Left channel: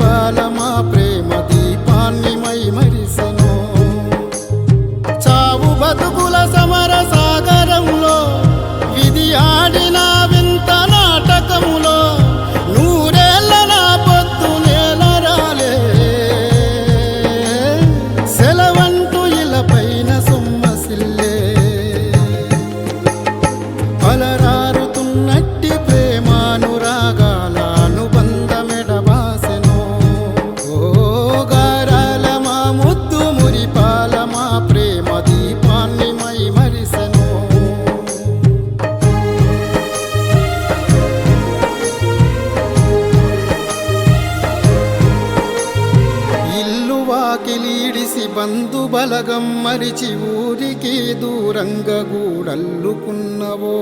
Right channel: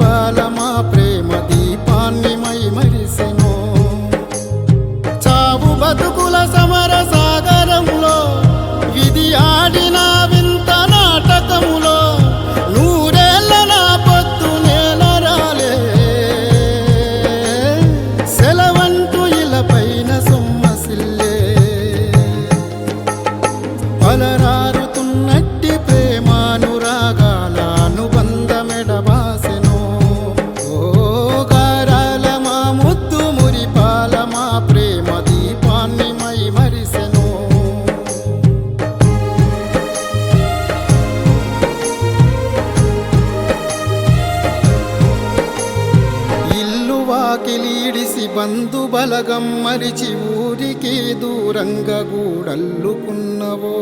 ముద్దు మా ప్రేమ దీపాన్ని మై మరిసెను చావు బతుకుల సమర సాగరంలో విధి ఆడిన వింత నాటకములో నూరేళ్ళ నా పొత్తు నేల రాలే సెలవంటూ ఇలపైన సొమ్మసిల్లే అలరా ప్రేమ దీపాన్ని మై మరిసెను. ఇల్లు వాకిలీడిసి బంధు బలగం మరిచి ఊరికి దూరంగా గూడల్లుకున్నవో.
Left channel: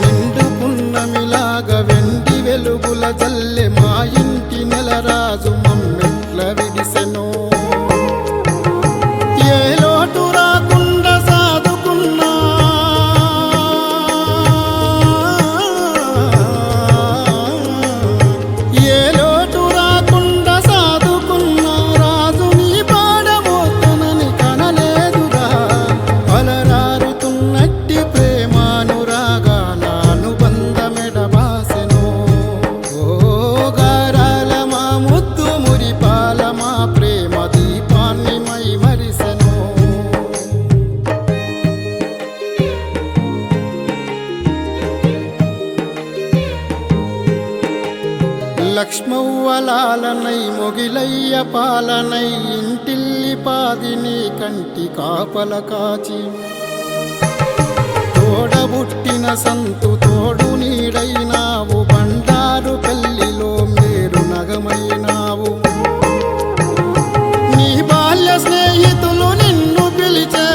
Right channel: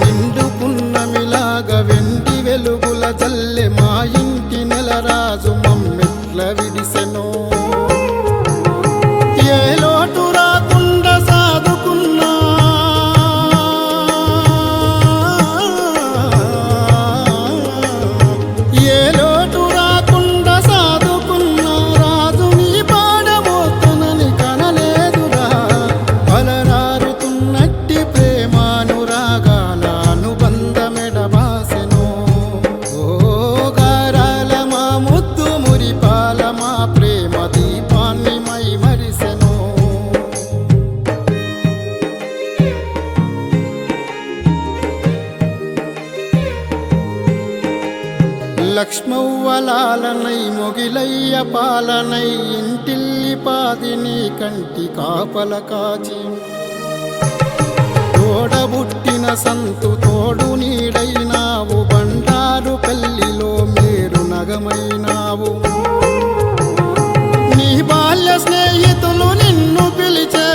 నిండుకున్నమిలాగ వెండి వెలుగుల జల్లె మా ఇంటి నెలరాజు మమ్మెట్ల విడిసెనో. bien మా ప్రేమ దీపాన్ని మై మరిసెను లక్ష్మవ్వలాలనై మొగిలయ్య పాలనై ఇంటిల్లి పాదిని కంటి కాపల కాచి. తోడబుట్టిన సంతు తోడు నీడైనావు బండారు పెళ్ళిలో మేరు నగమైనావు. నీ బాల్య స్నేహితులు నిన్ను పిలిచే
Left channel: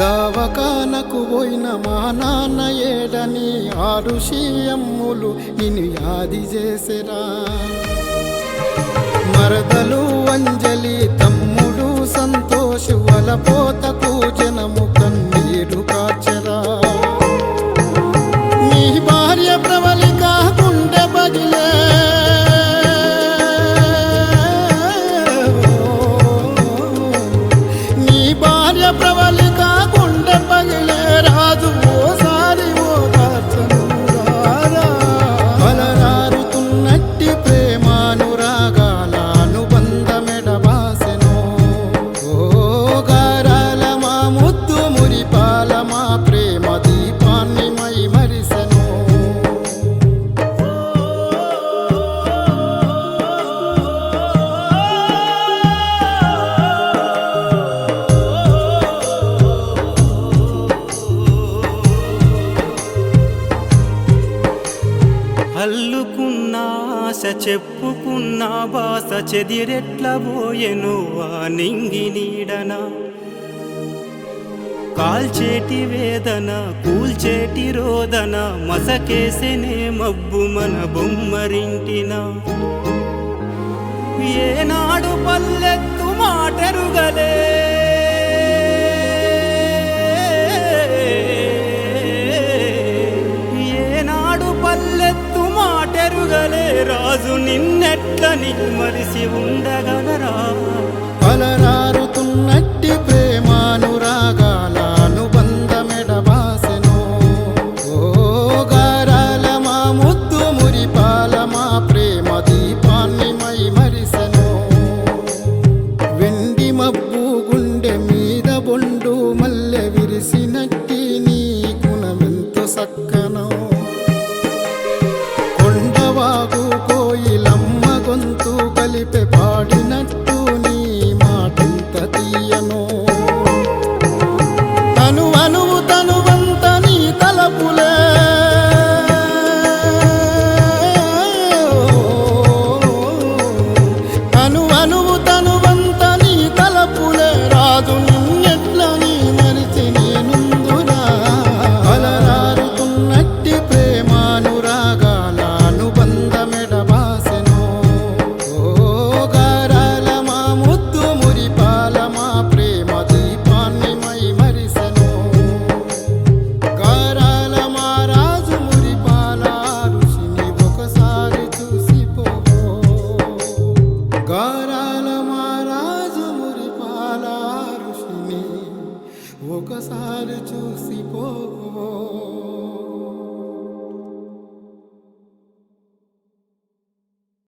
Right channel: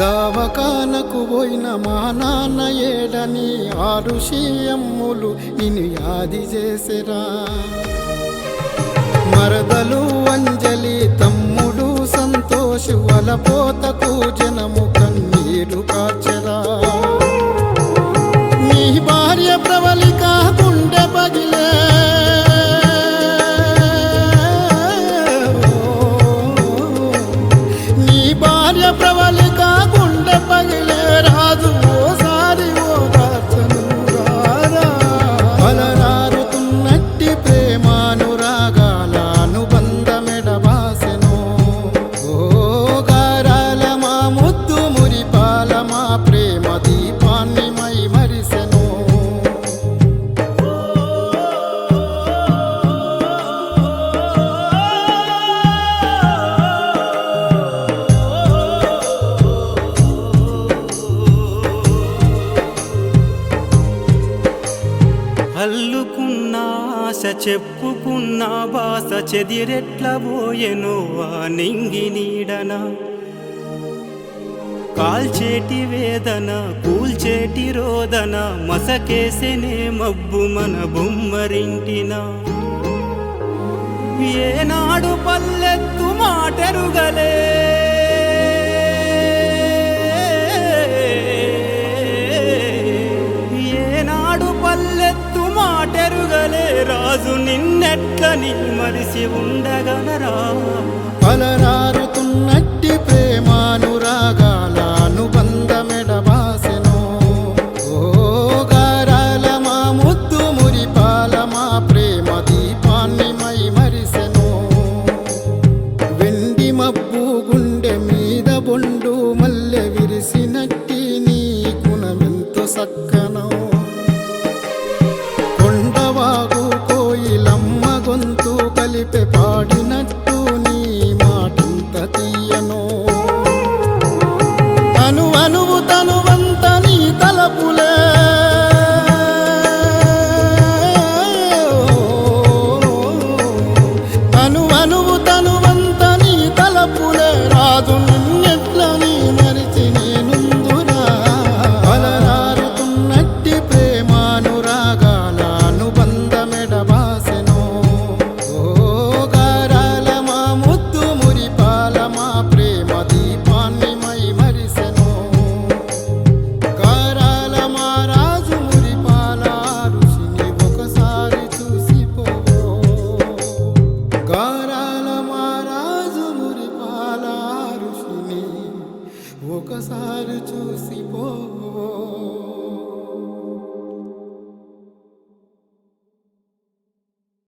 దావకానకు పోయిన మా నాన్న ఏడని ఆరు సీఎమ్ములు నిన్ను యాది చేసిరా. మరదలు అంజలి తమ్ముడు సంతోషు వలపోతకు జనము కన్నీరు కాచరా నీ భార్య ప్రవళిక దీపాన్ని మై మరిసెను. అల్లుకున్న ఆశ చెప్పుకున్న బాస చెదిరెట్ల పోయెను ఆ నింగి నీడనా? కాల్చేటి వేదన కూల్చేటి రోదన మసకేసెనే మబ్బు మన బొమ్మరింటిన. ఏనాడు పల్లెత్తు మాటరుగలే. ఏనాడు పల్లెత్తు మాటెరుగలే. రాజు నిన్నెట్లని మరిసి ఉండగలరా? అలరారుతున్నట్టి ప్రేమానురాగాల అనుబంధమెడబాసెను ఓ గారాల మా ముద్దు మురిపాల మా ప్రేమ దీపాన్ని మై మరిసెను. వెండి మబ్బు గుండె మీద బొండు మల్లె విరిసినట్టి నీ గుణమెంతో సక్కనో. కొండవాగు కోయిలమ్మ గొంతు కలిపె పాడినట్టు నీ మాటంత తీయను. అను అనువు తనువంత నీ తలపులే. అను అనువు తనువంత నీ తలపులే. రాజు నిన్నెట్ల నీ మరిచి నేనుందురా అలరారుతున్నట్టి ప్రేమానురాగాల అనుబంధమెడబాసెను ఓ గారాల మా ముద్దు మురిపాల మా ప్రేమ దీపాన్ని మై మరిసెను. ఒకసారి చూసిపో.